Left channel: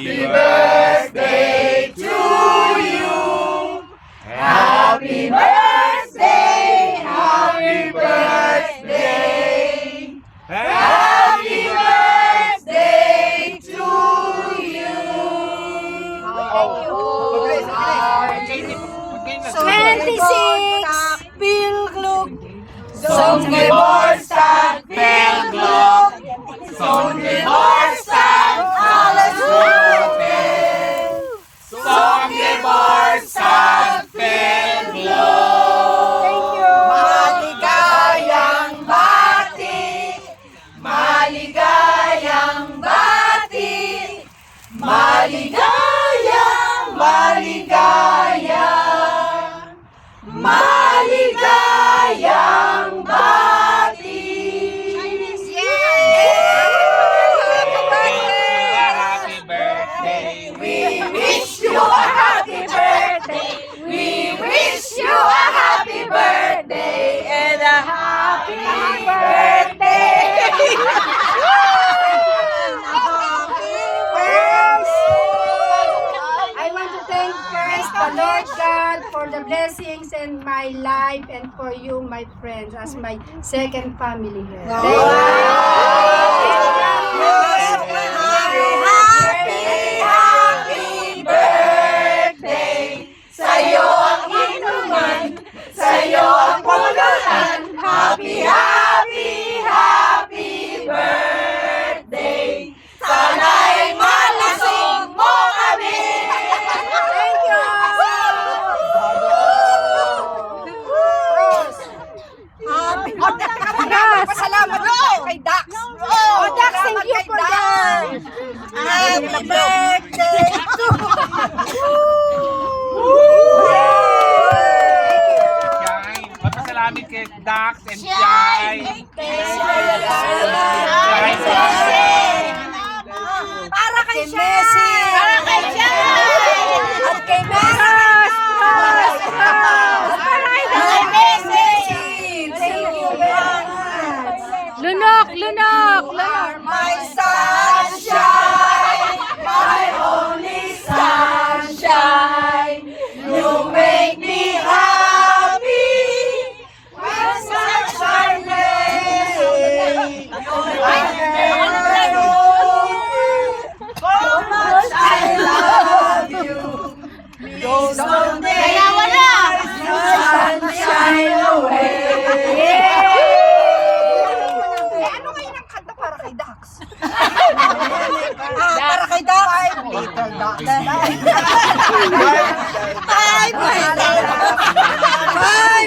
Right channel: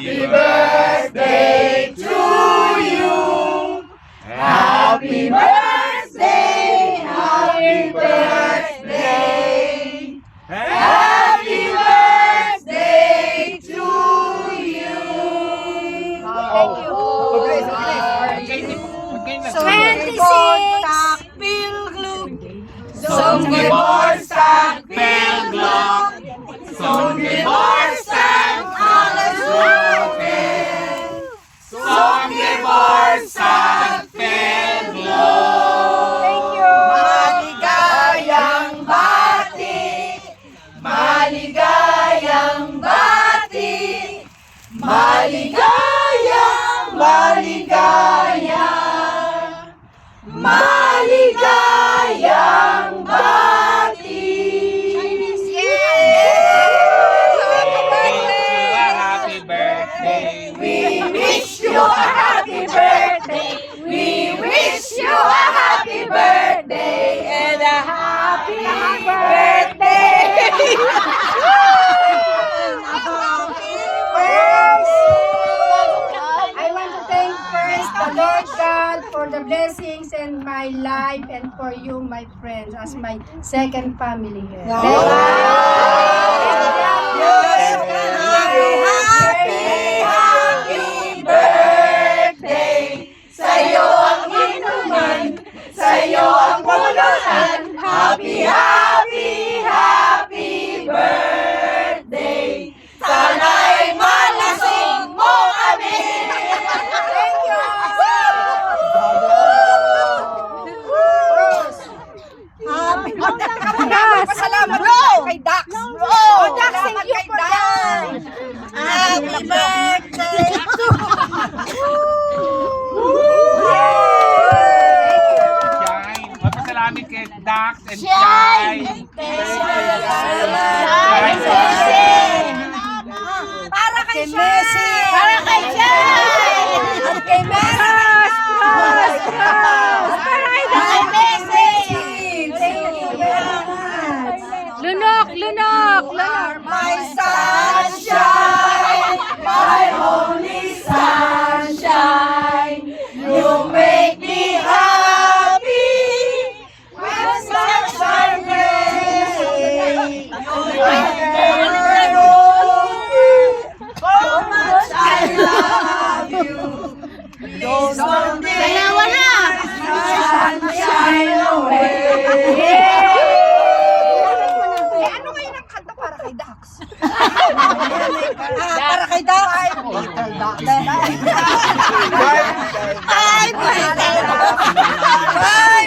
Happy birthday to you. Happy birthday, happy birthday. Happy birthday to you. Thank you. 26 Pilglug. Songeborstad Pilglok. Songeborstad alles Gute. Songeborstad Pilglok. Maligayang bati. Maligayang bati. Maligayang, maligayang. Maligayang bati. Happy birthday. We wish you a happy birthday. We wish you a happy birthday and a happy birthday. I want to thank first the Lord God for the blessings in my life and for you, my friends, as my second family here. Thank you. Happy birthday. Sa'yo ang inuman, sa'yo ang pulutan. Happy, happy, happy birthday. Sana'y malasing mo kami. Thank you. Pasalamat kay Dax. Oh, Dax, thank you for that. Happy birthday to Shine. Papasalamat kay Dax and Shine. para kay Messi. Para kay Messi. At kay Messi. Kay Messi. Thank you very much. Lunok, lunok, lunok. My sunshine, my only sunshine. You make me happy when sunshine rays. How much I love you. Please don't take sunshine away. Ano kayo ng kanta para kay Dax? Para kay Dax? Little Dax. Five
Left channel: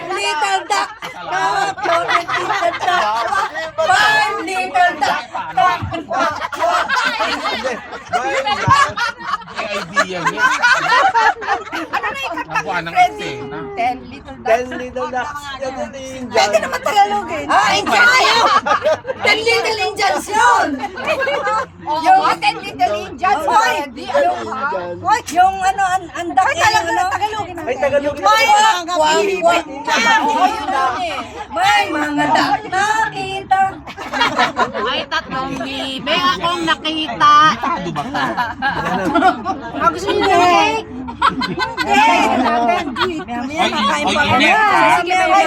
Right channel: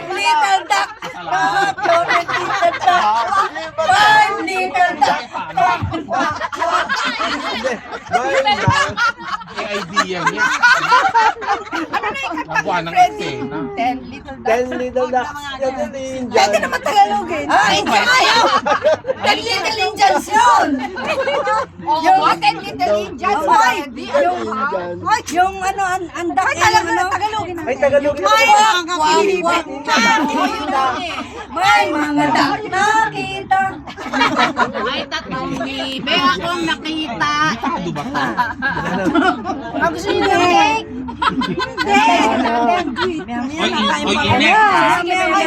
little duck. Little duck. Five little duck. May idea niya. Nabuha ng eksena. 10 little ducks. 10 little ducks. Yan yung Indian. Pwede naman Tagalogin. Ay, tayo! 10 little Indians yun! Yung 10 little Indians. Ay, yung ano, andak. Ay, Tagalogin. Ay, Tagalog na. May mga dak nakita. May tatlong libe akong nakita. Ano ba ka? Gusto niyo na cake? Hindi. Oy, oy,